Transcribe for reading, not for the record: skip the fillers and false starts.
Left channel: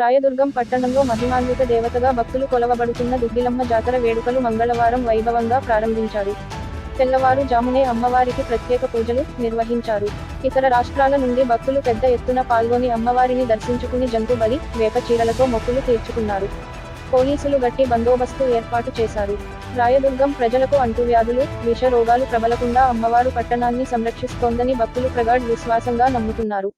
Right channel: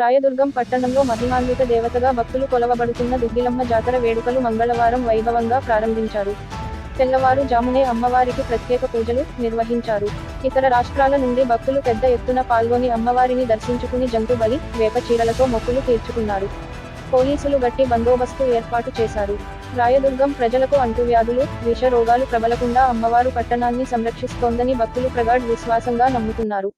రాయదుర్గం పట్టణంలో మహిమాన్విత దేవతగా భక్తులు కొలవబడుతున్న దుగ్గిలమ్మ జాతర వేడుకలు మంగళవారం వైభవంగా ప్రారంభించారు. తెల్లవారు జామునే అమ్మవారికి ప్రత్యేక పూజలు నిర్వహించారు. ఇతర రాష్ట్రాల నుండి భక్తులు పెద్ద ఎత్తున పాల్గొని అమ్మవారిని దర్శించుకుని జంతు బలి, వేప చీరలతో మొక్కులు తీర్చుకున్నారు. పోలీసులు గట్టి బందోబస్తు ఏర్పాటు చేశారు. రాయదుర్గం ప్రజలకు అంటువ్యాధులు, విష రోగాలు ప్రబలకుండా అమ్మవారు పట్టణాన్ని సంరక్షిస్తోందని భక్తులు ప్రగాఢ విశ్వాసంగా నమ్ముతున్నారు.